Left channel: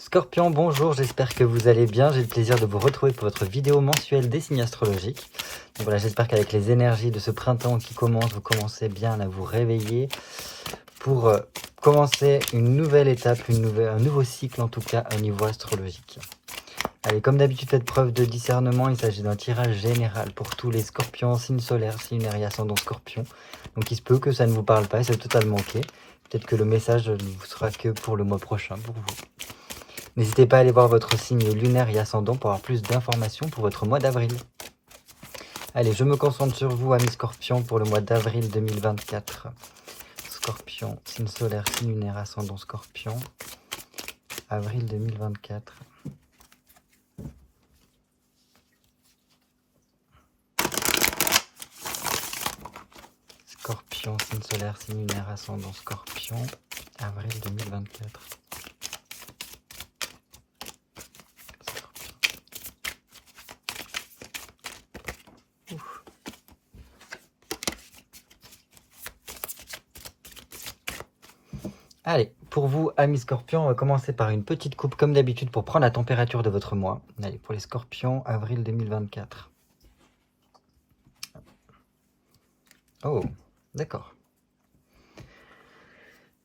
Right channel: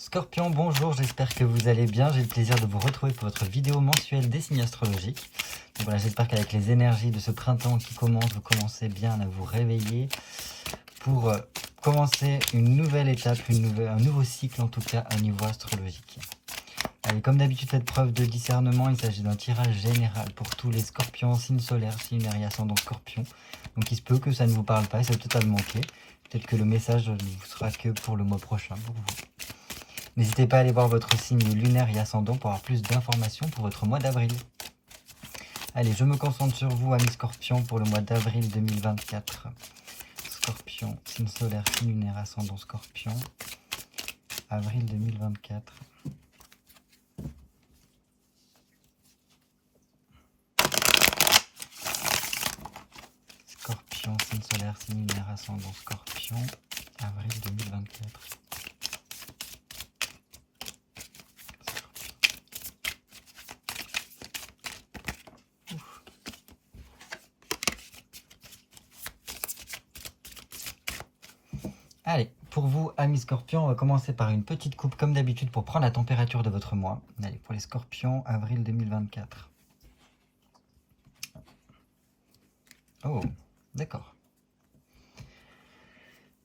Scorpion, bonjour, j'espère que vous allez bien. J'ai le plaisir de vous retrouver pour votre vidéo mensuelle des signes astrologiques. Donc voilà, j'espère qu'avec les énergies de ce printemps qui commence, vous commencez bien à vous réveiller pour commencer une nouvelle étape, un nouveau cycle en tout cas au niveau astrologique. Allez, comme d'habitude, faites preuve de discernement. Il s'agit d'un tirage général pour tous les scorpions, signes solaires, signes et ascendant scorpion. Donc il se peut que ça ne vous parle pas, c'est totalement ok. Peut-être que le message ne vous sera que pour le mois prochain pour vous. N'hésitez pas à aller voir votre signe lunaire et ascendant pour avoir plus d'informations pour votre mois d'avril. Allez, je me concentre sur vous, amis Scorpions, pour le mois d'avril 2024. Scorpion, signe solaire, signe lunaire, ascendant Scorpion. Avril 2024. Scorpion, signe solaire, signe lunaire, ascendant Scorpion. Avril 2024. Allez, pour vous, amis Scorpions, on va commencer par une petite coupe comme d'habitude pour prendre la température de votre mois. Allez, pour les Scorpions, avril 2024. Oh, d'accord.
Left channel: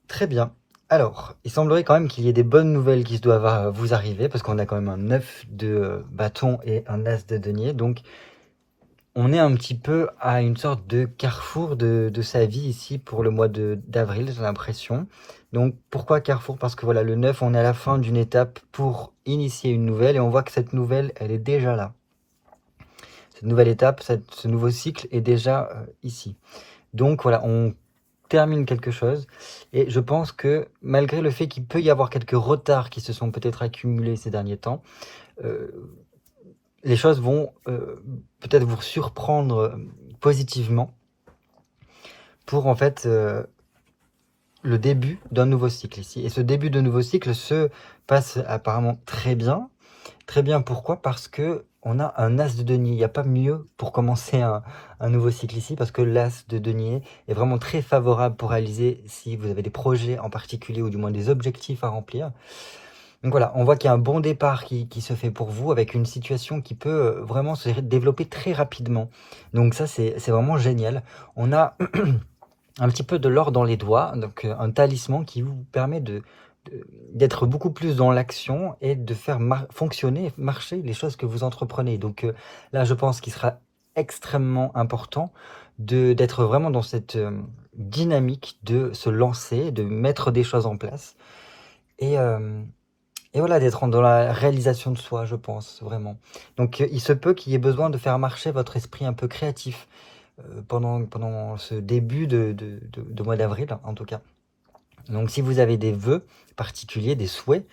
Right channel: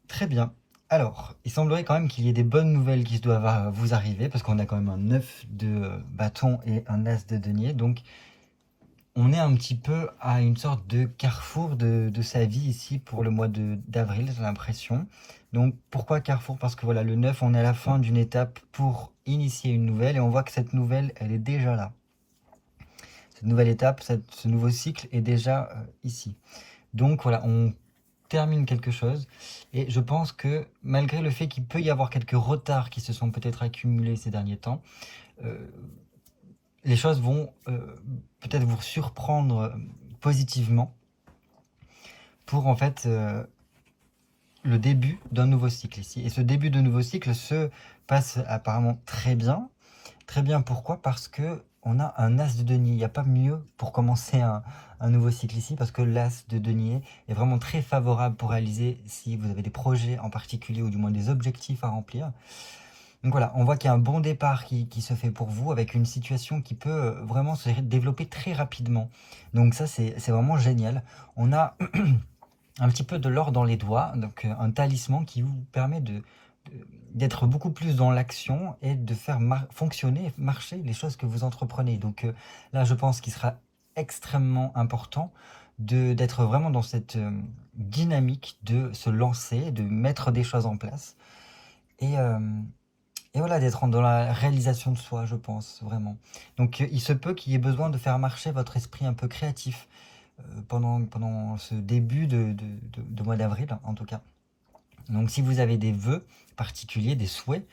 Très bien. Alors, il semblerait quand même qu'il y ait des bonnes nouvelles qui doivent vous arriver, parce qu'on a quand même un 9 de bâton et un as de denier. Donc, on est un petit peu à une sorte de carrefour de sa vie ici pour le mois d'avril, j'ai l'impression. Donc, pourquoi carrefour? Parce que voilà, le 9, on est à la fin d'une étape pour initier une nouvelle, et on voit que cette nouvelle, elle est déjà là. Cette nouvelle étape, ce nouveau cycle est déjà ici. Donc, voilà, on termine quelque chose. Et je pense que malgré le fait qu'il peut y avoir quelques retards qui se sont peut-être accumulés ces derniers temps, les choses vont peut-être vous surprendre positivement pour en fait le début d'un nouveau cycle ici. Et ce début de nouveau cycle se passe apparemment très bien. Très bien, pourquoi? Parce que on a un as de denier. Il n'y a pas mieux pour commencer un nouveau cycle ici, parce que l'as de denier est vraiment très favorable pour réaliser si vous avez des projets en particulier, ou du moins des objectifs à remplir. Donc voilà, on voit qu'il y a un bon départ qui se fait pour vous, avec une situation qui peut vraiment se développer très rapidement. Donc ça, c'est vraiment génial. On a un petit peu de l'or dans les doigts, donc un talisman qui vous permet d'être beaucoup plus dans l'action et de faire fonctionner, marcher les choses que vous entreprenez. Donc là, je pense qu'il sera extrêmement important d'être vraiment dans cette dynamique de se lancer, de mettre des choses en place. Et voilà, d'être dans la réalisation de soi, je pense, vraiment. Donc il se peut qu'il y ait besoin de faire marcher votre esprit un peu créatif pendant ce début de mois d'avril, en tout cas. Donc si vous avez des vœux particuliers, des souhaits,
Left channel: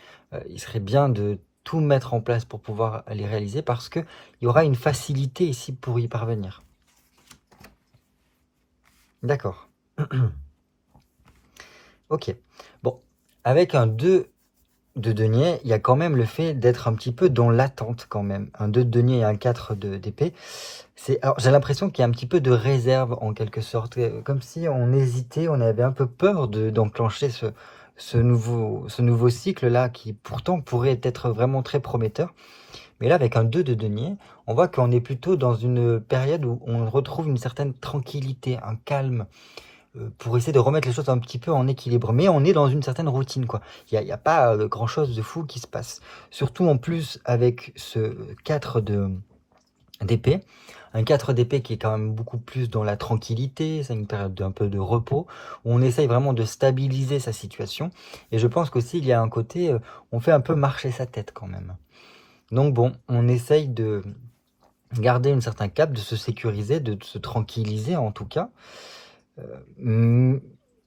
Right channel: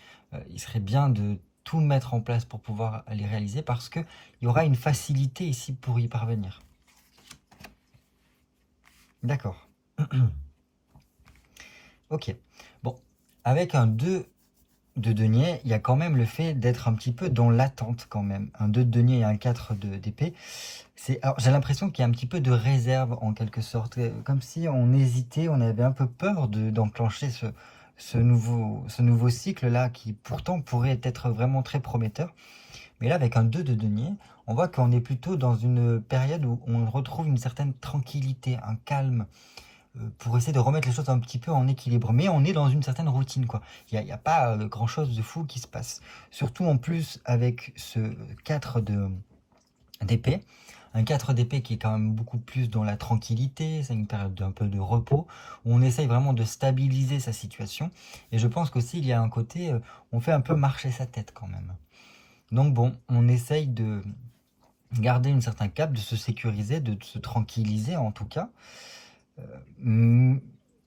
il serait bien de tout mettre en place pour pouvoir les réaliser, parce qu'il y aura une facilité ici pour y parvenir. D'accord. Ok. Bon, avec un 2 de denier, il y a quand même le fait d'être un petit peu dans l'attente quand même. Un 2 de denier et un 4 d'épée. Alors, j'ai l'impression qu'il y a un petit peu de réserve en quelque sorte. Comme si on hésitait, on avait un peu peur d'enclencher ce nouveau cycle-là, qui pourtant pourrait être vraiment très prometteur. Mais là, avec un 2 de denier, on voit qu'on est plutôt dans une période où on retrouve une certaine tranquillité, un calme, pour essayer de remettre les choses un petit peu en équilibre. Mais on est dans une certaine routine, quoi. Il n'y a pas grand-chose de fou qui se passe. Surtout en plus avec ce 4 d'épée. Un 4 d'épée qui est quand même beaucoup plus dans la tranquillité, c'est une période d'un peu de repos, où on essaye vraiment de stabiliser sa situation. Et je pense qu'aussi il y a un côté, on fait un peu marcher sa tête quand même. Donc bon, on essaye de garder un certain cap, de se sécuriser, de se tranquilliser en tout cas. Mais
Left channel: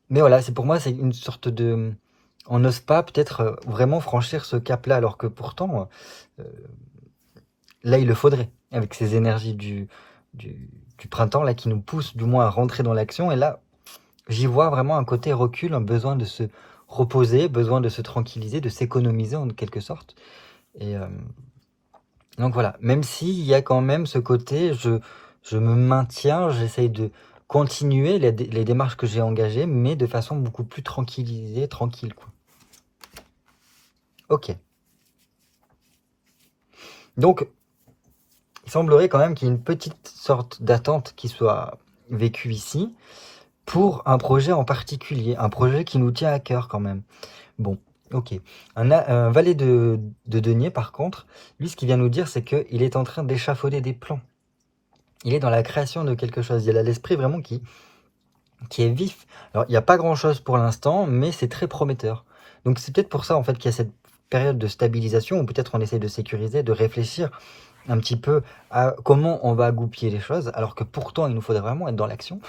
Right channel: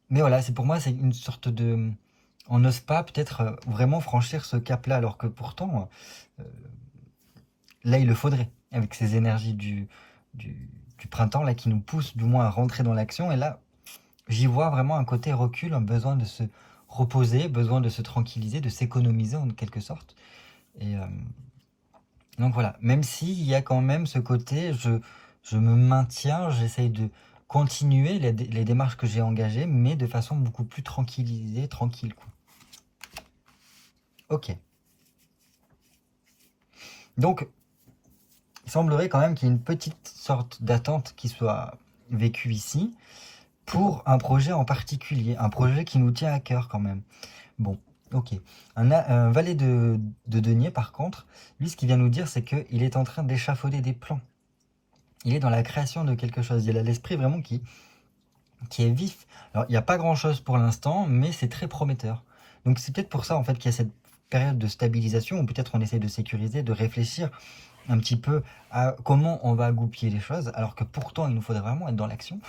voilà, pour moi, c'est une sorte de... On n'ose pas peut-être vraiment franchir ce cap-là, alors que pourtant, là, il le faudrait, avec ces énergies du printemps, là, qui nous poussent du moins à rentrer dans l'action. Et là, j'y vois vraiment un côté recul, un besoin de se reposer, besoin de se tranquilliser, de s'économiser en quelque sorte. Et donc voilà, même s'il y a quand même ce côté, je me maintiens, j'essaye de continuer les démarches que j'ai engagées, mais de façon beaucoup plus tranquille, quoi. Ok. Donc, il semblerait quand même qu'il y ait une petite sorte d'attente qui soit vécue ici pour un projet en particulier, un projet qui nous tient à cœur quand même. Bon, ok. Un valet de denier, par contre, lui, ce qu'il vient nous dire, c'est qu'il est en train d'échafauder des plans. Il est dans la création de quelque chose. Il a l'esprit vraiment qui est vif. Alors, il n'y a pas grand-chose pour l'instant, mais c'est très prometteur. Donc, c'est peut-être pour ça, en fait, qu'il y a cette période de stabilisation, où peut-être on essaie de sécuriser, de réfléchir un petit peu à comment on va goupiller les choses, alors que pourtant, il nous faudrait vraiment être dans l'action.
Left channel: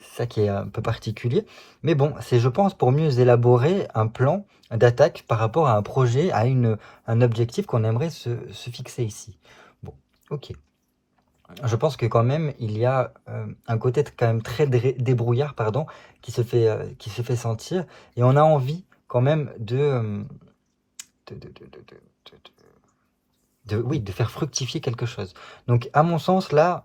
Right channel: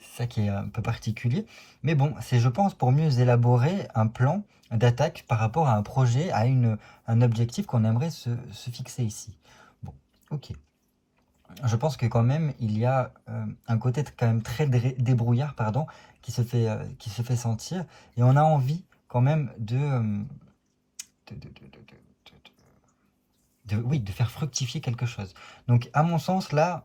C'est ça qui est un peu particulier. Mais bon, c'est, je pense, pour mieux élaborer un plan d'attaque par rapport à un projet, à un objectif qu'on aimerait se fixer ici. Bon, ok. Je pense que quand même, il y a un côté quand même très débrouillard, pardon, qui se fait sentir. Et on a envie quand même oui, de faire fructifier quelque chose. Donc, à mon sens, là,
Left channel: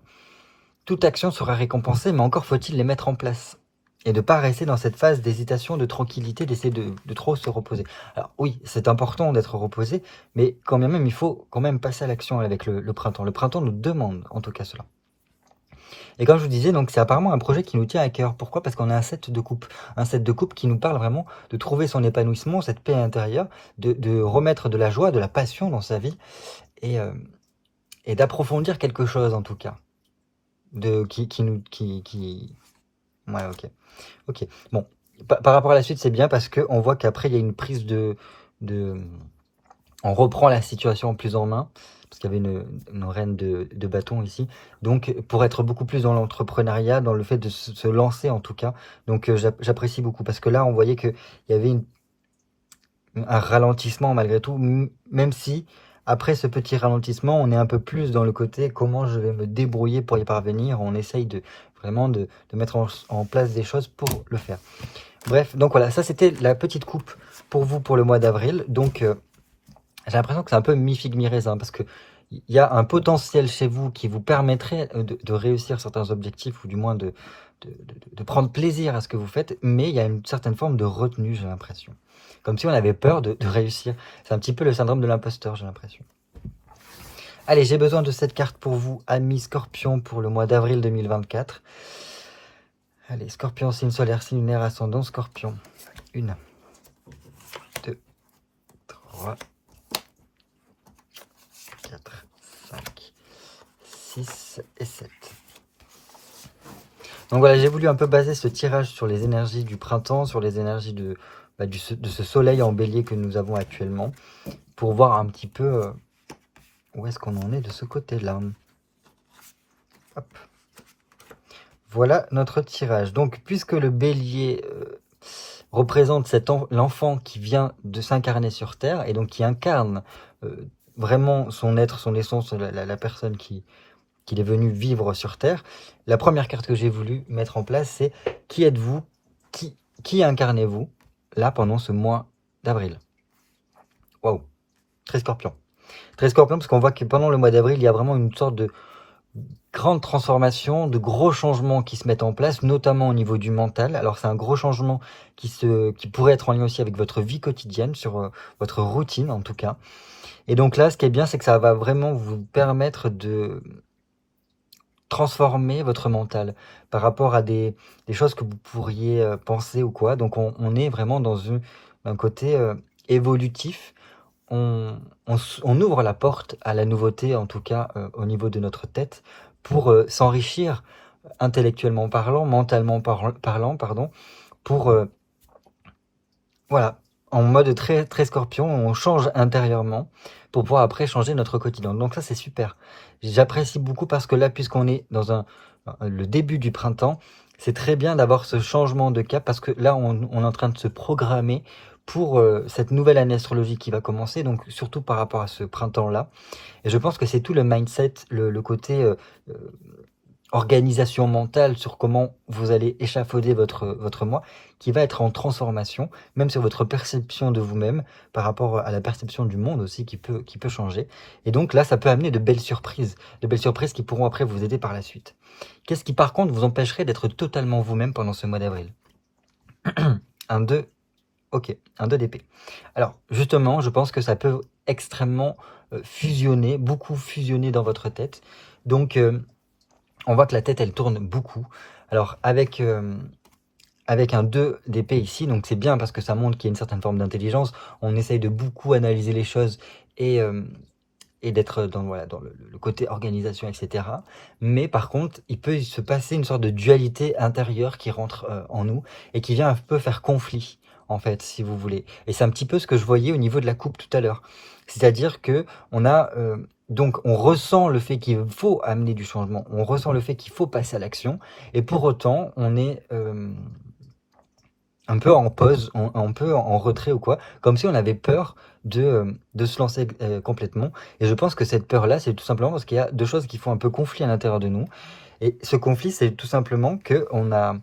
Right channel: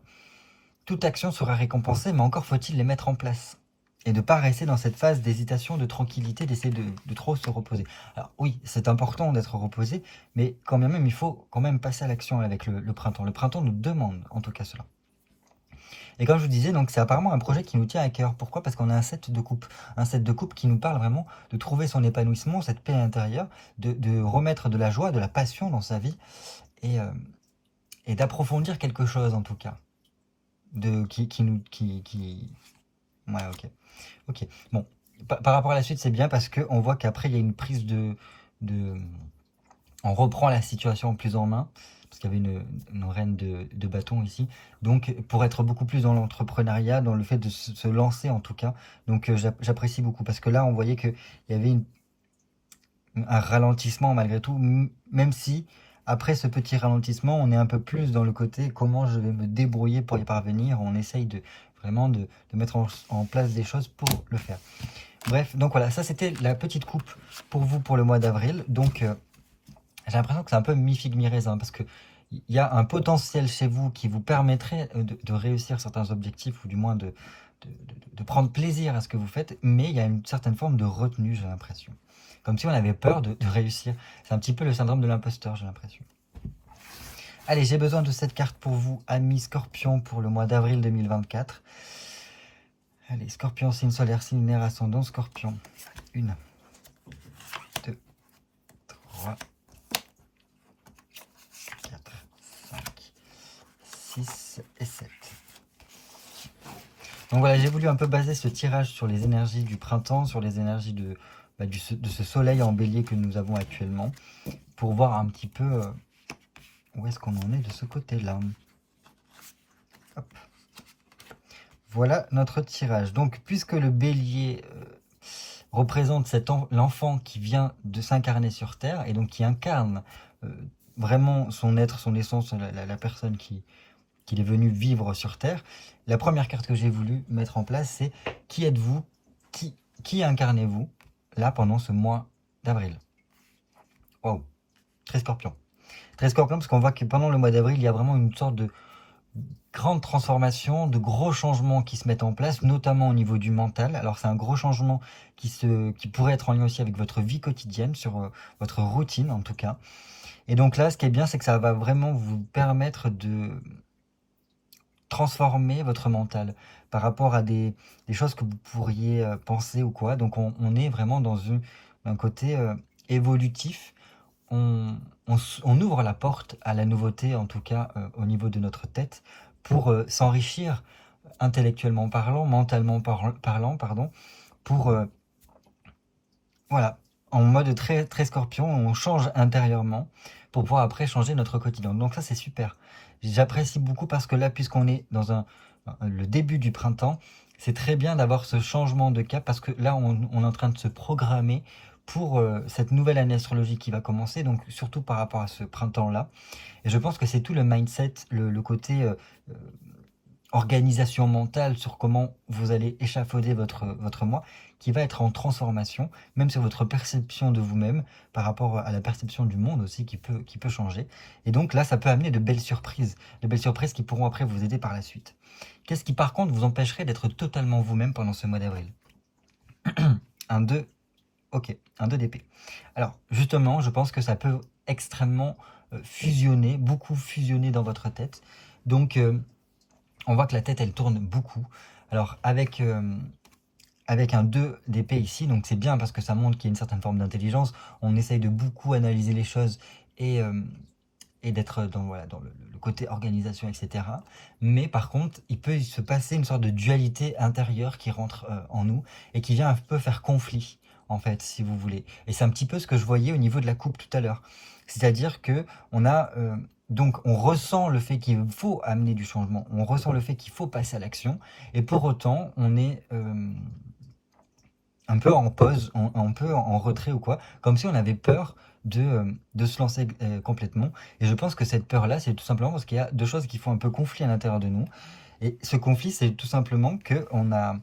toute action sera récompensée, mais encore faut-il les mettre en place. Et de ne pas rester dans cette phase d'hésitation, de tranquillité, d'essayer de trop se reposer. Alors oui, c'est important d'être reposé, mais quand même, il faut quand même passer à l'action avec le printemps. Le printemps nous demande en tout cas cela. Et comme je vous disais, donc c'est apparemment un projet qui nous tient à cœur. Pourquoi? Parce qu'on a un set de coupe. Un set de coupe qui nous parle vraiment de trouver son épanouissement, cette paix intérieure, de remettre de la joie, de la passion dans sa vie, et, euh, et d'approfondir quelque chose en tout cas. Ouais, ok. Ok. Bon. Par rapport à la suite, c'est bien parce qu'on voit qu'après, il y a une prise de... On reprend la situation plus en main, parce qu'il y avait une reine de bâton ici. Donc, pour être beaucoup plus dans l'entrepreneuriat, dans le fait de se lancer en tout cas. Donc, j'apprécie beaucoup, parce que là, on voyait qu'il y avait un ralentissement malgré tout, même si, après ce petit ralentissement, on est un peu plus dans le côté comment je vais me débrouiller pour y parvenir. On essaye vraiment de mettre en place des choses pour le faire. Bref, donc voilà, ça c'était la petite coupe pour vous pour le mois d'avril. Donc, j'ai l'impression que c'est un peu mi-figue, mi-raisin, parce que il y a un potentiel chez vous qui vous permettrait de réussir certains objectifs, ou du moins de prendre plaisir à ce que vous faites, mais il y a une certaine forme de retenue, j'ai l'impression. Comme si on avait peur de réussir. C'est un petit peu le syndrome de l'imposteur, j'ai l'impression. Allez, j'ai besoin de cette carte pour vous, amis Scorpion, pour le mois d'avril 2024. Allez, Scorpion, signe solaire, signe lunaire, ascendant, Scorpion. 1, 2, 3, 4, 5, 6 et 7. Donc voilà, j'ai voulu un peu baser ce tirage sur les énergies du printemps, sur les énergies de ce soleil en bélier que nous avons actuellement, pour voir un petit peu où est-ce qu'on en est de ce côté-là. Hop. Voilà notre tirage. Donc, puisque le bélier représente l'enfant qui vient de s'incarner sur Terre, et donc qui incarne vraiment son être, son essence, la personne qu'il est venu vivre sur Terre, la première carte que j'ai voulu mettre en place, c'est qui êtes-vous, qui incarnez-vous là pendant ce mois d'avril. Waouh, très Scorpion. Très Scorpion, parce qu'on voit que pendant le mois d'avril, il y a vraiment une sorte de grande transformation, de gros changements qui se mettent en place, notamment au niveau du mental. Alors c'est un gros changement qui pourrait être en lien aussi avec votre vie quotidienne, sur votre routine en tout cas. Et donc là, ce qui est bien, c'est que ça va vraiment vous permettre de transformer votre mental par rapport à des choses que vous pourriez penser ou quoi. Donc on est vraiment dans un côté évolutif. On ouvre la porte à la nouveauté, en tout cas au niveau de notre tête, pour s'enrichir intellectuellement parlant, mentalement parlant, pardon, pour, voilà, en mode très, très Scorpion, on change intérieurement pour pouvoir après changer notre quotidien. Donc ça, c'est super. J'apprécie beaucoup parce que là, puisqu'on est dans le début du printemps, c'est très bien d'avoir ce changement de cap parce que là, on est en train de se programmer pour cette nouvelle année astrologique qui va commencer, donc surtout par rapport à ce printemps-là. Et je pense que c'est tout le mindset, le côté organisation mentale sur comment vous allez échafauder votre moi, qui va être en transformation, même sur votre perception de vous-même, par rapport à la perception du monde aussi, qui peut changer. Et donc là, ça peut amener de belles surprises qui pourront après vous aider par la suite. Qu'est-ce qui par contre vous empêcherait d'être totalement vous-même pendant ce mois d'avril? Un 2, ok, un 2 d'épée. Alors justement, je pense que ça peut extrêmement fusionner, beaucoup fusionner dans votre tête. Donc, on voit que la tête, elle tourne beaucoup. Alors, avec un 2 d'épée ici, donc c'est bien parce que ça montre qu'il y a une certaine forme d'intelligence. On essaye de beaucoup analyser les choses et d'être dans, voilà, dans le côté organisation, etc. Mais par contre, il peut se passer une sorte de dualité intérieure qui rentre en nous et qui vient un peu faire conflit, en fait, si vous voulez. Et c'est un petit peu ce que je voyais au niveau de la coupe tout à l'heure. C'est-à-dire que on a donc on ressent le fait qu'il faut amener du changement, on ressent le fait qu'il faut passer à l'action, et pour autant, on est un peu en pause, un peu en retrait ou quoi, comme si on avait peur de se lancer complètement. Et je pense que cette peur-là, c'est tout simplement parce qu'il y a deux choses qui font un peu conflit à l'intérieur de nous. Et ce conflit, c'est tout simplement qu'on a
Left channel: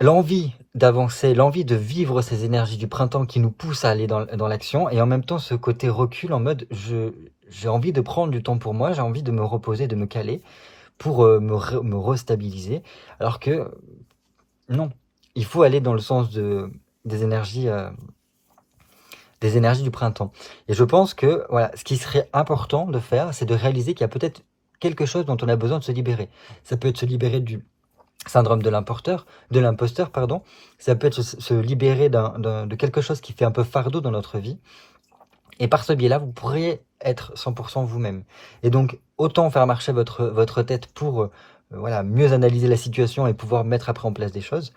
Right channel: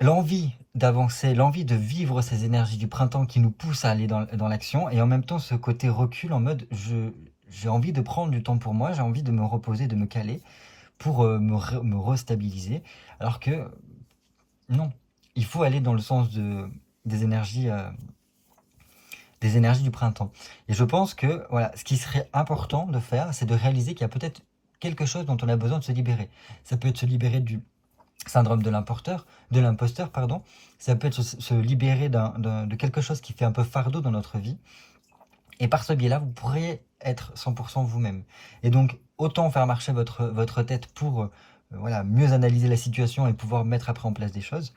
l'envie d'avancer, l'envie de vivre ces énergies du printemps qui nous poussent à aller dans l'action, et en même temps ce côté recul en mode j'ai envie de prendre du temps pour moi, j'ai envie de me reposer, de me caler pour me restabiliser, alors que non, il faut aller dans le sens des énergies du printemps. Et je pense que voilà, ce qui serait important de faire, c'est de réaliser qu'il y a peut-être quelque chose dont on a besoin de se libérer. Ça peut être se libérer du syndrome de l'imposteur, pardon. Ça peut être se libérer de quelque chose qui fait un peu fardeau dans notre vie. Et par ce biais-là, vous pourrez être 100% vous-même. Et donc, autant faire marcher votre tête pour voilà, mieux analyser la situation et pouvoir mettre après en place des choses.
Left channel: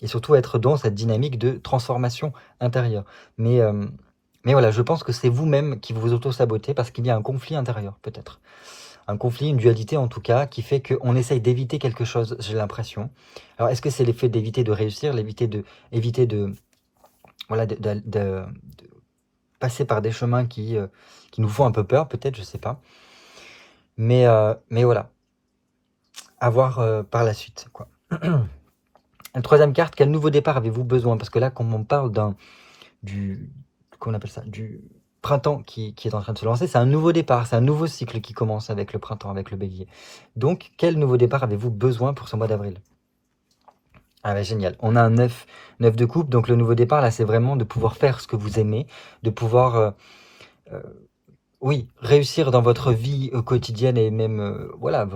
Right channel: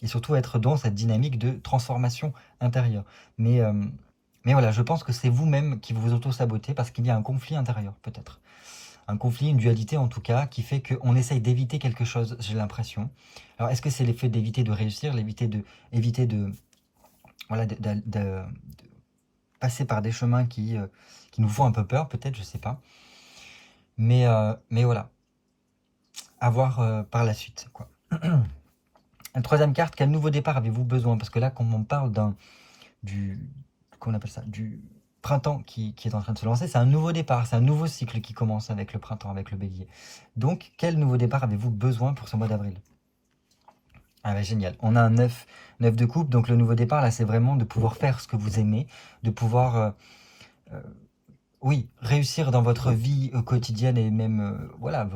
Et surtout être dans cette dynamique de transformation intérieure. Mais voilà, je pense que c'est vous-même qui vous auto-sabotez parce qu'il y a un conflit intérieur, peut-être. Un conflit, une dualité en tout cas, qui fait qu'on essaye d'éviter quelque chose, j'ai l'impression. Alors, est-ce que c'est l'effet d'éviter de réussir, éviter de, voilà, de passer par des chemins qui nous font un peu peur, peut-être, je sais pas. Mais voilà, à voir par la suite, quoi. La troisième carte, quel nouveau départ avez-vous besoin? Parce que là, quand on parle comment on appelle ça, du printemps qui est en train de se lancer, c'est un nouveau départ, c'est un nouveau cycle qui commence avec le printemps, avec le bélier. Donc, quel nouveau départ avez-vous besoin pour ce mois d'avril? Ah bah génial, on a un 9 de coupe, donc le nouveau départ, là, c'est vraiment de pouvoir faire ce que vous aimez, de pouvoir, euh, oui, réussir dans votre vie quotidienne et même, voilà,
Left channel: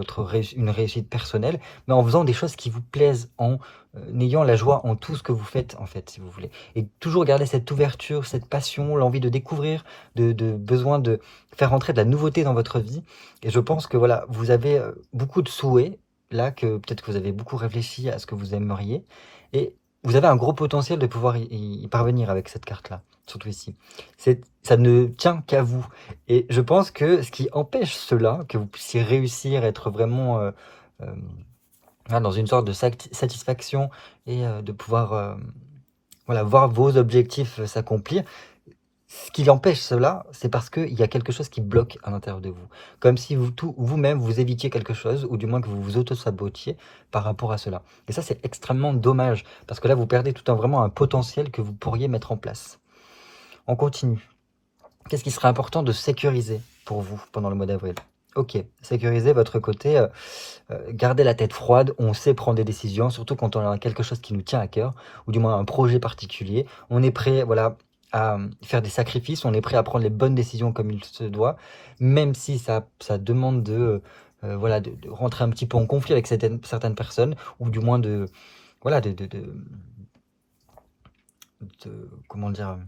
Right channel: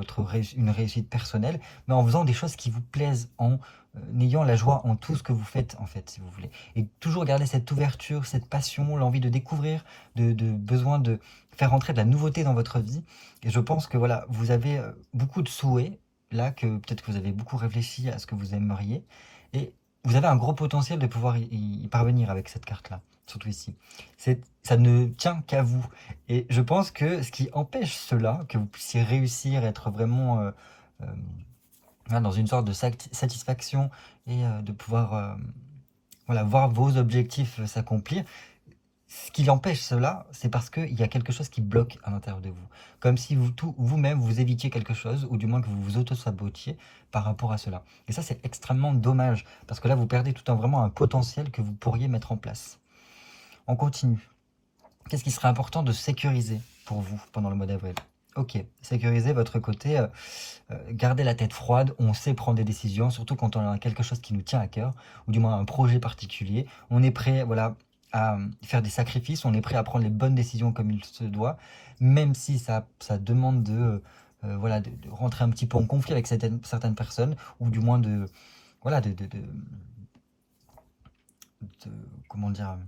une réussite personnelle, mais en faisant des choses qui vous plaisent, en ayant la joie en tout ce que vous faites, en fait, si vous voulez. Et toujours garder cette ouverture, cette passion, l'envie de découvrir, besoin de faire rentrer de la nouveauté dans votre vie. Et je pense que, voilà, vous avez beaucoup de souhaits, là, que peut-être que vous avez beaucoup réfléchi à ce que vous aimeriez, et vous avez un gros potentiel de pouvoir y parvenir avec cette carte-là, surtout ici. Ça ne tient qu'à vous. Et je pense que ce qui empêche cela, que vous puissiez réussir, être vraiment dans une sorte de satisfaction et de pouvoir voilà, voir vos objectifs s'accomplir, ce qui empêche cela, c'est parce qu'il y a quelque chose qui bloque à l'intérieur de vous. Comme si vous-même, vous évitiez quelque chose, ou du moins que vous vous auto-sabotiez par rapport à cela. Et ça, c'est extrêmement dommage, parce que là, vous perdez vraiment un potentiel que vous pourriez mettre en place. On continue. Qu'est-ce qui serait important de sécuriser pour vous pendant le mois d'avril? Ok, sécuriser votre côté, garder la tête froide, on sait prendre des décisions, surtout quand on a quelque chose qui nous tient à cœur, ou du moins un projet particulier. On est prêt, voilà, à faire des sacrifices, on est prêt à prendre les bonnes décisions comme il se doit, même si ça demande voilà, de rentrer un petit peu en conflit avec certaines personnes, ou du moins voilà, comment dire,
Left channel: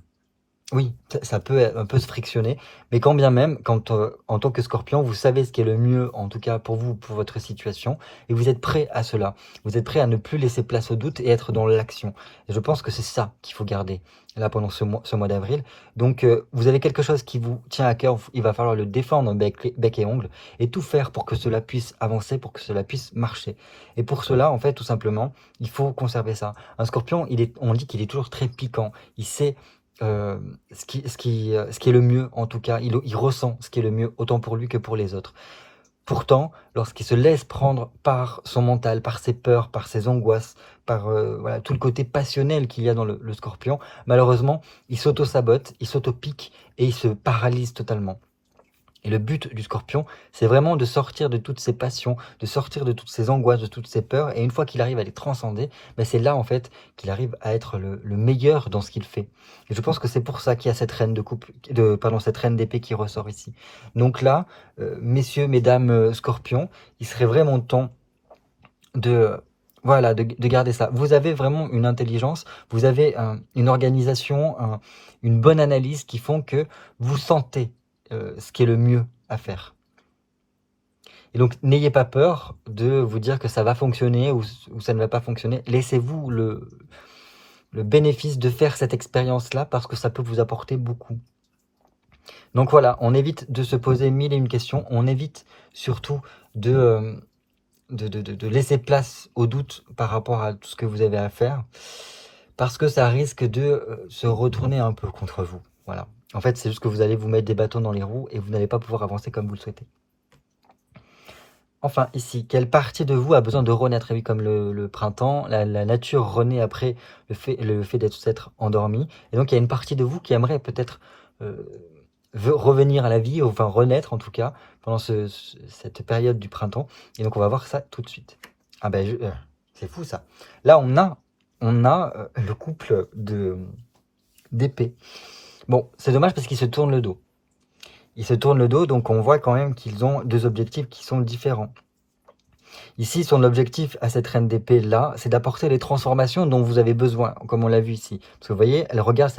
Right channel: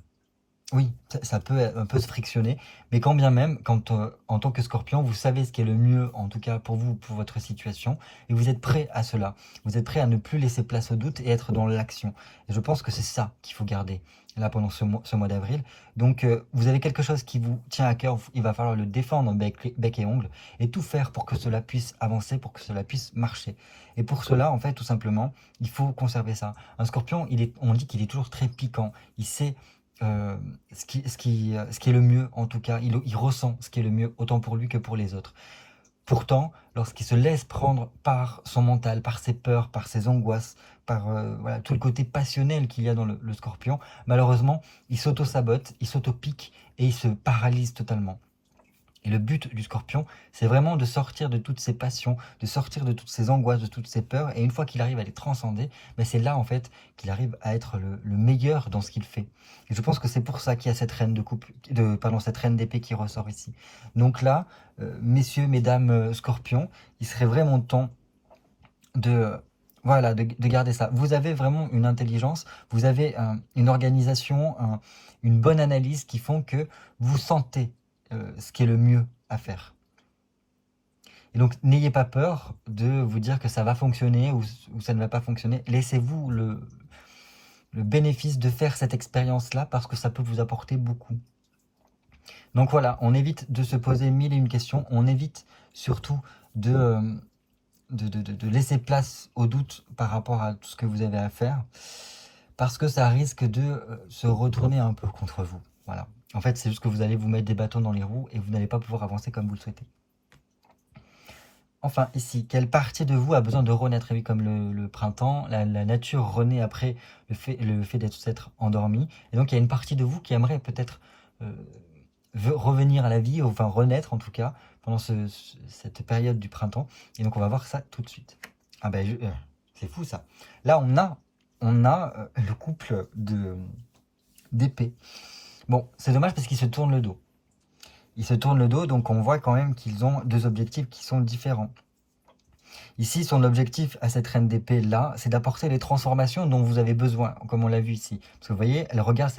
oui, ça peut un peu se frictionner, mais quand bien même, quand en tant que Scorpion, vous savez ce qui est le mieux, en tout cas pour vous, pour votre situation, et vous êtes prêt à cela. Vous êtes prêt à ne plus laisser place au doute et être dans l'action. Et je pense que c'est ça qu'il faut garder là pendant ce mois d'avril. Donc, vous avez quelque chose qui vous tient à cœur, il va falloir le défendre bec et ongle, et tout faire pour que cela puisse avancer, pour que cela puisse marcher. Et pour cela, en fait, tout simplement, il faut conserver ça. Un Scorpion, on dit qu'il est toujours très piquant. Il sait ce qui est le mieux, en tout cas, il ressent ce qui est le mieux, autant pour lui que pour les autres. Pourtant, lorsqu'il se laisse prendre par son mental, par ses peurs, par ses angoisses, par voilà, tout le côté passionnel qu'il y a dans le Scorpion, malheureusement, il s'auto-sabote, il s'auto-pique et il se paralyse totalement. Et le but du Scorpion, c'est vraiment de sortir de toutes ses passions, de sortir de toutes ses angoisses, de toutes ses peurs. Et une fois qu'il arrive à les transcender, ben c'est là en fait qu'il arrive à être le meilleur dans ce qu'il fait. Et je pense que c'est pour ça qu'il y a cette reine de coupe, pardon, cette reine d'épée qui ressort ici. Donc là, messieurs, mesdames, Scorpions, il serait vraiment temps de voilà de garder ça. Vous avez vraiment une intelligence, vous avez une organisation, une bonne analyse qui font que vous sentez ce qui est le mieux à faire. Et donc n'ayez pas peur de vous dire que ça va fonctionner ou ça ne va pas fonctionner. Laissez-vous le bénéfice de faire cette expérience-là parce que ça peut vous apporter beaucoup. Donc voilà, on évite de se poser mille et une questions, on évite surtout de laisser place au doute par rapport à tout ce que vous avez à faire, parce que ça risque de se retourner un peu contre vous. Voilà. En fait, c'est juste que vous allez vous mettre des bâtons dans les roues et vous n'allez pas pouvoir avancer comme vous le souhaitez. Enfin, ici, quelle partie de vous a besoin de renaître? Oui, comme le printemps, la nature renaît après le fait d'être endormi. Et donc, il y a une partie de vous qui aimerait peut-être veut revenir à la vie, enfin renaître en tout cas, pendant cette période du printemps. Et donc, on va voir ça tout de suite. Ah ben, c'est fou ça. Là, on a le couple d'épée. Bon, c'est dommage parce qu'ils se tournent le dos. Ils se tournent le dos, donc on voit quand même qu'ils ont deux objectifs qui sont différents. Ici, son objectif à cette reine d'épée là, c'est d'apporter les transformations dont vous avez besoin, comme on l'a vu ici. Parce que vous voyez, elle regarde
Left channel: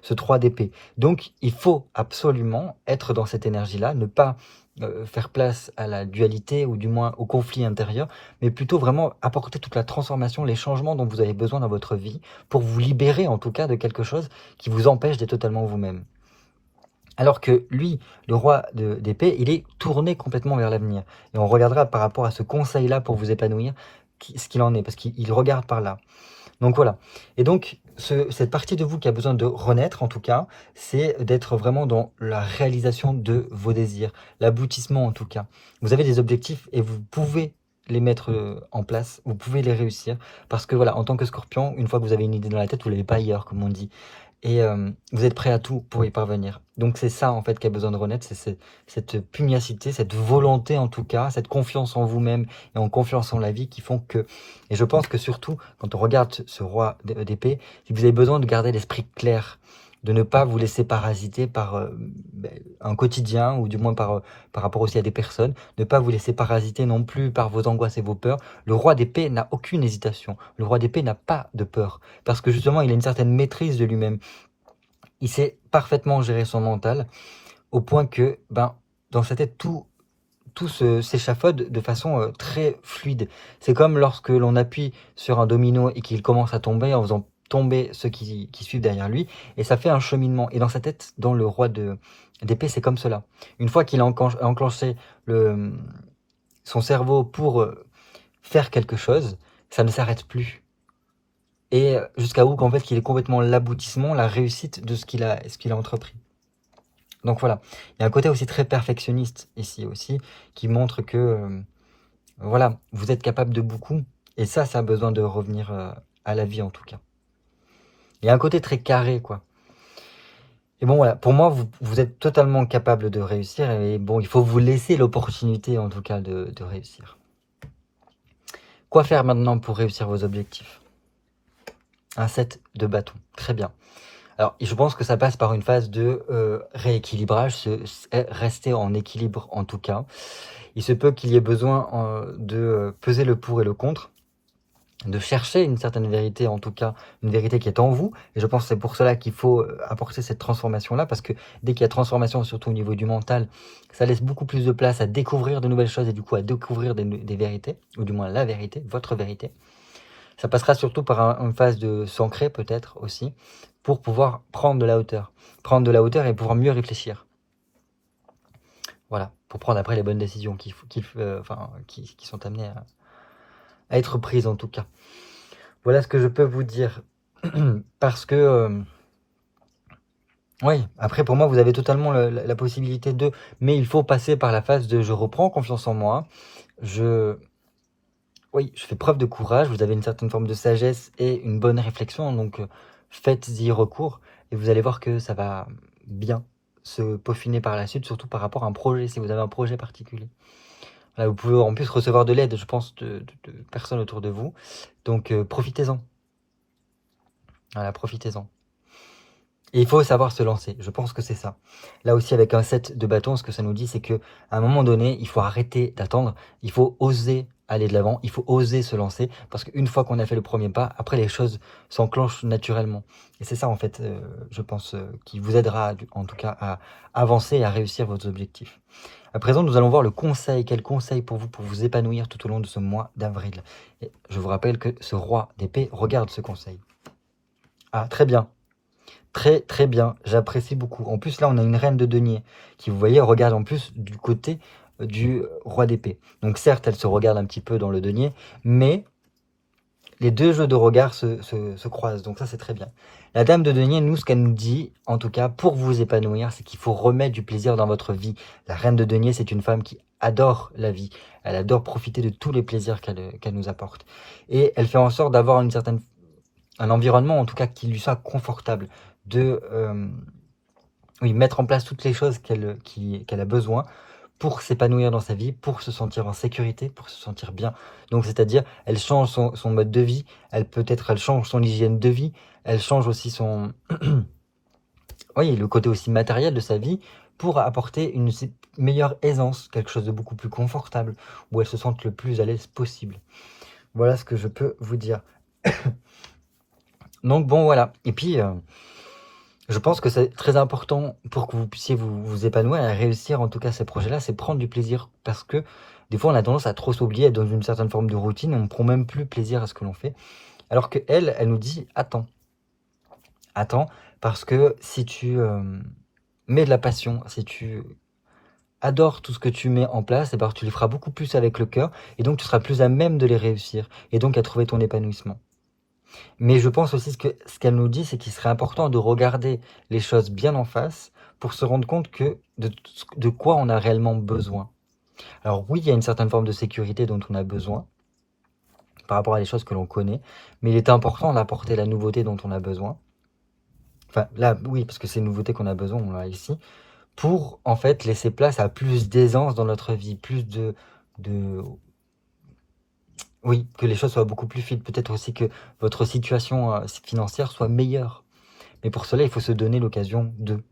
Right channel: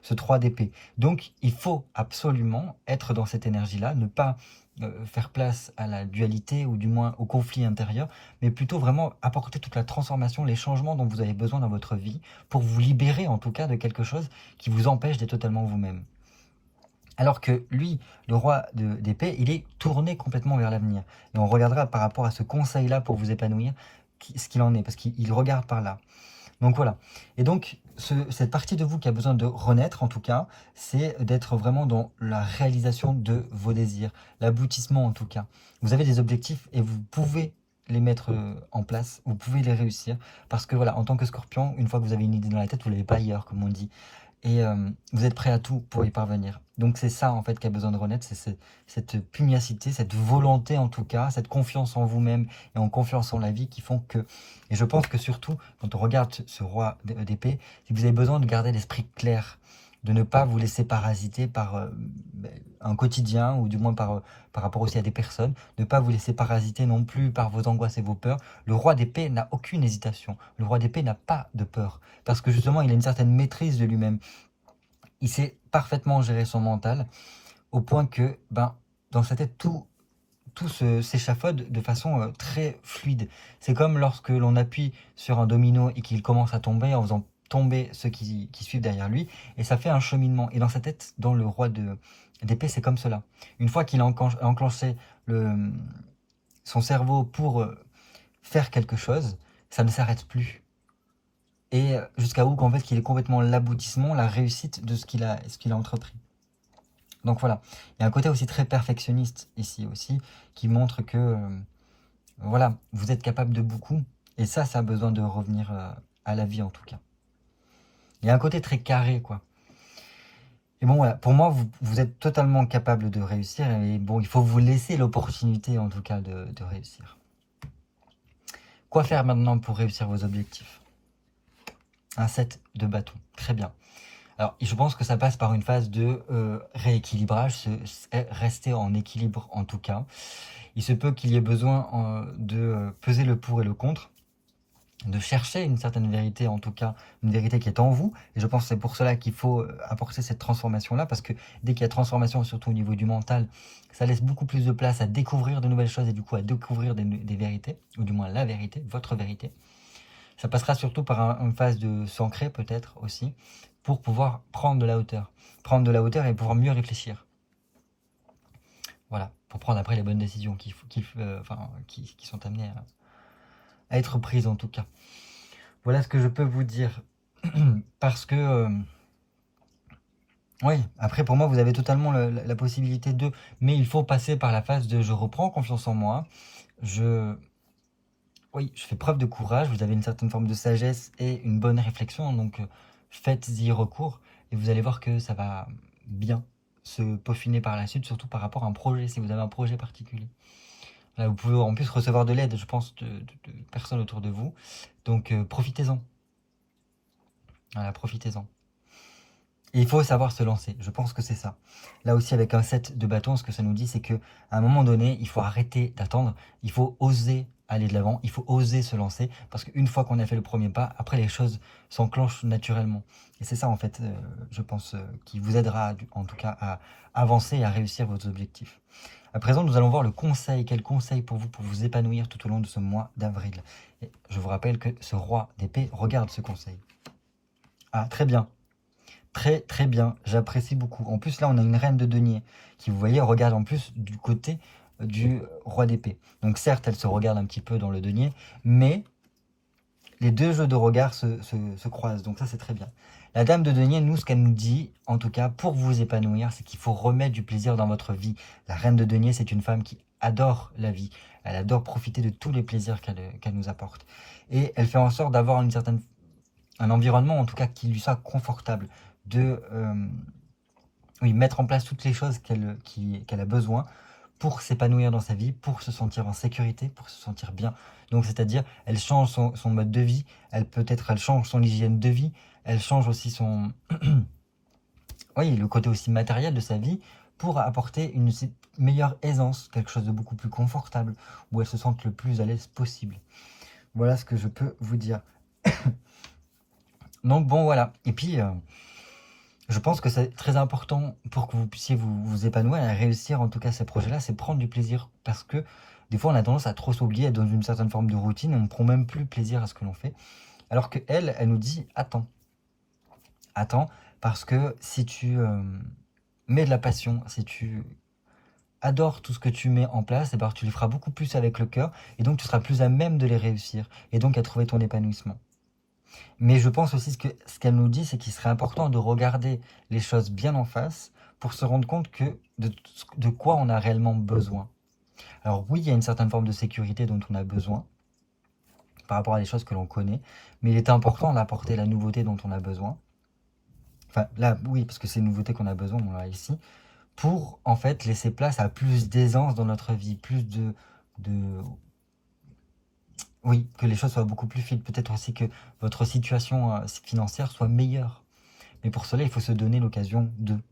ce 3 d'épée. Donc, il faut absolument être dans cette énergie-là, ne pas faire place à la dualité ou du moins au conflit intérieur, mais plutôt vraiment apporter toute la transformation, les changements dont vous avez besoin dans votre vie pour vous libérer en tout cas de quelque chose qui vous empêche d'être totalement vous-même. Alors que lui, le roi d'épée, il est tourné complètement vers l'avenir. Et on regardera par rapport à ce conseil-là pour vous épanouir, ce qu'il en est, parce qu'il regarde par là. Donc voilà. Et donc, cette partie de vous qui a besoin de renaître, en tout cas, c'est d'être vraiment dans la réalisation de vos désirs, l'aboutissement en tout cas. Vous avez des objectifs et vous pouvez les mettre en place, vous pouvez les réussir, parce que voilà, en tant que scorpion, une fois que vous avez une idée dans la tête, vous ne l'avez pas ailleurs, comme on dit. Et vous êtes prêt à tout pour y parvenir. Donc c'est ça en fait qui a besoin de renaître, c'est cette pugnacité, cette volonté en tout cas, cette confiance en vous-même et en confiance en la vie qui font que... Et je pense que surtout, quand on regarde ce roi d'épée, vous avez besoin de garder l'esprit clair, de ne pas vous laisser parasiter par un quotidien, ou du moins par rapport aussi à des personnes, ne pas vous laisser parasiter non plus par vos angoisses et vos peurs. Le roi d'épée n'a aucune hésitation, le roi d'épée n'a pas de peur, parce que justement il a une certaine maîtrise de lui-même. Il sait parfaitement gérer son mental, au point que dans sa tête, tout s'échafaude de façon très fluide. C'est comme lorsque l'on appuie sur un domino et qu'il commence à tomber en faisant tomber ceux qui suivent derrière lui, et ça fait un cheminement. Et dans sa tête, dans le roi d'épée, c'est comme cela. Une fois qu'il a enclenché son cerveau pour faire quelque chose, ça ne s'arrête plus. Et jusqu'à où qu'en fait qu'il est complètement l'aboutissement, la réussite de ce qu'il a entrepris. Donc voilà, il y a un côté aussi très perfectionniste ici aussi, qui montre que voilà, vous êtes capable de beaucoup, et ça a besoin de revenir à la vie en tout cas. Il y a un côté très carré quoi. Et bon voilà, pour moi vous êtes totalement capable de réussir, et bon il faut vous laisser l'opportunité en tout cas de réussir. Quoi faire maintenant pour réussir vos objectifs? Un 7 de bâton, très bien. Alors, je pense que ça passe par une phase de rééquilibrage, rester en équilibre en tout cas. Il se peut qu'il y ait besoin de peser le pour et le contre, de chercher une certaine vérité, en tout cas une vérité qui est en vous. Et je pense que c'est pour cela qu'il faut apporter cette transformation-là, parce que dès qu'il y a transformation, surtout au niveau du mental, ça laisse beaucoup plus de place à découvrir de nouvelles choses et du coup à découvrir des vérités, ou du moins la vérité, votre vérité. Ça passera surtout par une phase de s'ancrer peut-être aussi, pour pouvoir prendre de la hauteur. Prendre de la hauteur et pouvoir mieux réfléchir. Voilà, pour prendre après les bonnes décisions qui sont amenées à être prises en tout cas. Voilà ce que je peux vous dire. Parce que, oui, après pour moi vous avez totalement la possibilité de... Mais il faut passer par la phase de je reprends confiance en moi, oui, je fais preuve de courage, vous avez une certaine forme de sagesse et une bonne réflexion, donc faites-y recours et vous allez voir que ça va bien se peaufiner par la suite, surtout par rapport à un projet, si vous avez un projet particulier. Voilà, vous pouvez en plus recevoir de l'aide, je pense, de personnes autour de vous. Donc, profitez-en. Voilà, profitez-en. Et il faut savoir se lancer, je pense que c'est ça. Là aussi, avec un 7 de bâton, ce que ça nous dit, c'est qu'à un moment donné, il faut arrêter d'attendre, il faut oser aller de l'avant, il faut oser se lancer, parce qu'une fois qu'on a fait le premier pas, après les choses s'enclenchent naturellement. Et c'est ça, en fait, je pense, qui vous aidera, en tout cas, à avancer et à réussir vos objectifs. À présent, nous allons voir le conseil. Quel conseil pour vous épanouir tout au long de ce mois d'avril? Et je vous rappelle que ce roi d'épée regarde ce conseil. Ah, très bien. Très très bien, j'apprécie beaucoup. En plus là on a une reine de denier qui, vous voyez, regarde en plus du côté du roi d'épée. Donc certes elle se regarde un petit peu dans le denier, mais les deux jeux de regard se croisent, donc ça c'est très bien. La dame de denier, nous, ce qu'elle nous dit, en tout cas pour vous épanouir, c'est qu'il faut remettre du plaisir dans votre vie. La reine de denier, c'est une femme qui adore la vie, elle adore profiter de tous les plaisirs qu'elle nous apporte. Et elle fait en sorte d'avoir un environnement en tout cas qui lui soit confortable, de oui, mettre en place toutes les choses qu'elle a besoin pour s'épanouir dans sa vie, pour se sentir en sécurité, pour se sentir bien. Donc c'est-à-dire, elle change son mode de vie, elle change son hygiène de vie, elle change aussi son oui, le côté aussi matériel de sa vie pour apporter une meilleure aisance, quelque chose de beaucoup plus confortable, où elle se sente le plus à l'aise possible. Voilà ce que je peux vous dire. Donc bon, voilà. Et puis, je pense que c'est très important pour que vous puissiez vous épanouir et réussir en tout cas ces projets-là, c'est prendre du plaisir. Parce que des fois, on a tendance à trop s'oublier, être dans une certaine forme de routine, et on ne prend même plus plaisir à ce que l'on fait. Alors qu'elle, elle nous dit, attends, attends, parce que si tu mets de la passion, si tu adores tout ce que tu mets en place, et ben, tu les feras beaucoup plus avec le cœur, et donc tu seras plus à même de les réussir, et donc à trouver ton épanouissement. Mais je pense aussi que ce qu'elle nous dit, c'est qu'il serait important de regarder les choses bien en face pour se rendre compte de quoi on a réellement besoin. Alors oui, il y a une certaine forme de sécurité dont on a besoin par rapport à des choses que l'on connaît, mais il est important d'apporter la nouveauté dont on a besoin. Enfin là, oui, parce que c'est une nouveauté qu'on a besoin, on l'a ici, pour en fait laisser place à plus d'aisance dans notre vie, plus de oui, que les choses soient beaucoup plus fluides. Peut-être aussi que votre situation financière soit meilleure. Mais pour cela, il faut se donner l'occasion de.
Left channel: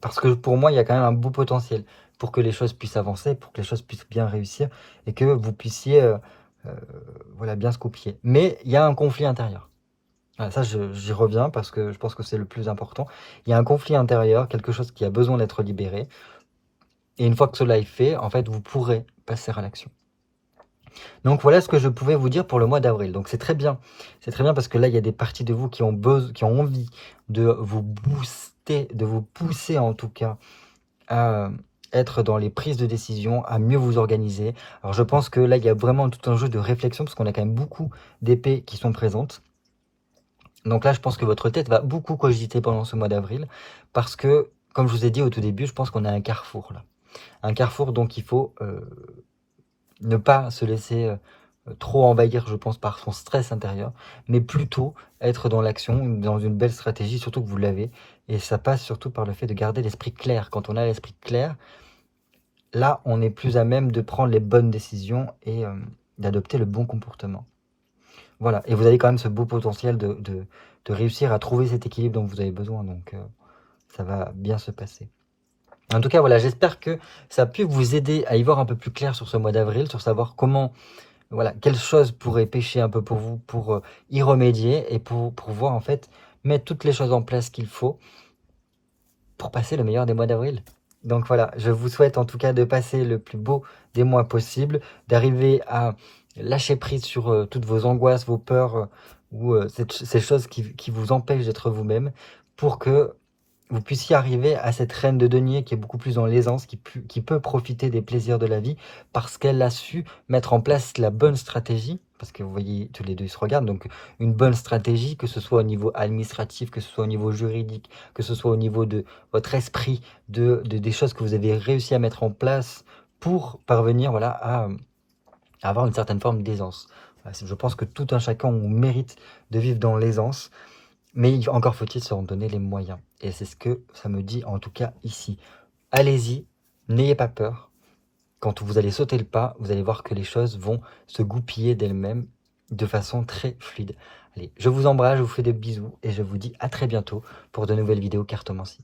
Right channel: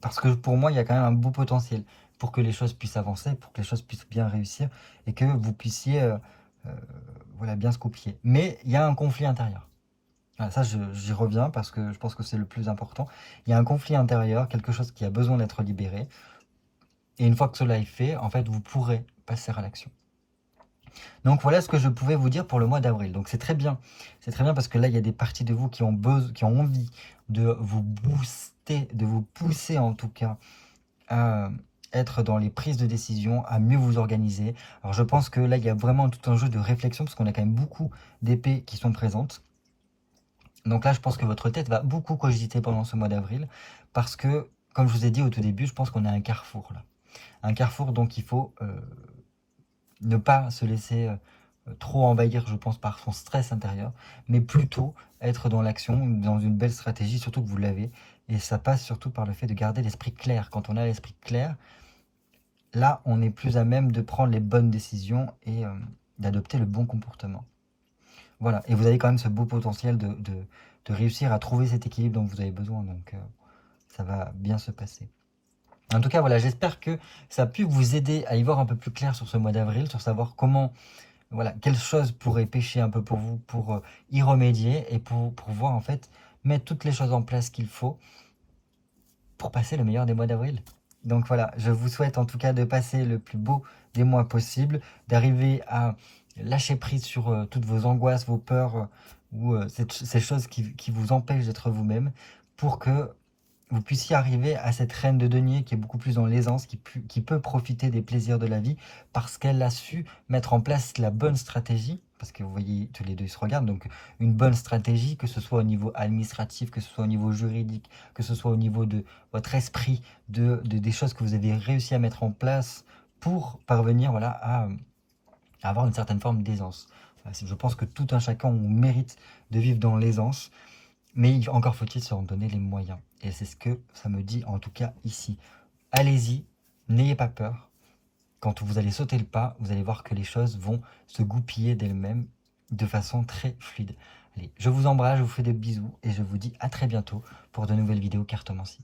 Parce que pour moi, il y a quand même un beau potentiel pour que les choses puissent avancer, pour que les choses puissent bien réussir et que vous puissiez voilà, bien se copier. Mais il y a un conflit intérieur. Voilà, ça, j'y reviens parce que je pense que c'est le plus important. Il y a un conflit intérieur, quelque chose qui a besoin d'être libéré. Et une fois que cela est fait, en fait, vous pourrez passer à l'action. Donc voilà ce que je pouvais vous dire pour le mois d'avril. Donc c'est très bien. C'est très bien parce que là, il y a des parties de vous qui ont envie de vous booster, de vous pousser en tout cas à être dans les prises de décision, à mieux vous organiser. Alors je pense que là, il y a vraiment tout un jeu de réflexion parce qu'on a quand même beaucoup d'épées qui sont présentes. Donc là, je pense que votre tête va beaucoup cogiter pendant ce mois d'avril parce que, comme je vous ai dit au tout début, je pense qu'on a un carrefour là. Un carrefour, donc il faut ne pas se laisser trop envahir, je pense, par son stress intérieur, mais plutôt être dans l'action, dans une belle stratégie, surtout que vous l'avez. Et ça passe surtout par le fait de garder l'esprit clair. Quand on a l'esprit clair, là, on est plus à même de prendre les bonnes décisions et d'adopter le bon comportement. Voilà, et vous avez quand même ce beau potentiel de réussir à trouver cet équilibre dont vous avez besoin, donc ça va bien se passer. En tout cas, voilà, j'espère que ça a pu vous aider à y voir un peu plus clair sur ce mois d'avril, sur savoir comment, voilà, quelles choses pourraient pêcher un peu pour vous, pour y remédier et pour pouvoir en fait mettre toutes les choses en place qu'il faut pour passer le meilleur des mois d'avril. Donc voilà, je vous souhaite en tout cas de passer le plus beau des mois possible, d'arriver à lâcher prise sur toutes vos angoisses, vos peurs ou ces choses qui vous empêchent d'être vous-même pour que vous puissiez arriver à cette reine de denier qui est beaucoup plus dans l'aisance, qui peut profiter des plaisirs de la vie parce qu'elle a su mettre en place la bonne stratégie, parce que vous voyez, tous les deux se regardent, donc une bonne stratégie, que ce soit au niveau administratif, que ce soit au niveau juridique, que ce soit au niveau de votre esprit, des choses que vous avez réussi à mettre en place pour parvenir voilà, à avoir une certaine forme d'aisance. Voilà, je pense que tout un chacun on mérite de vivre dans l'aisance. Mais encore faut-il se en donner les moyens. Et c'est ce que ça me dit, en tout cas ici. Allez-y, n'ayez pas peur. Quand vous allez sauter le pas, vous allez voir que les choses vont se goupiller d'elles-mêmes de façon très fluide. Allez, je vous embrasse, je vous fais des bisous et je vous dis à très bientôt pour de nouvelles vidéos cartomancie.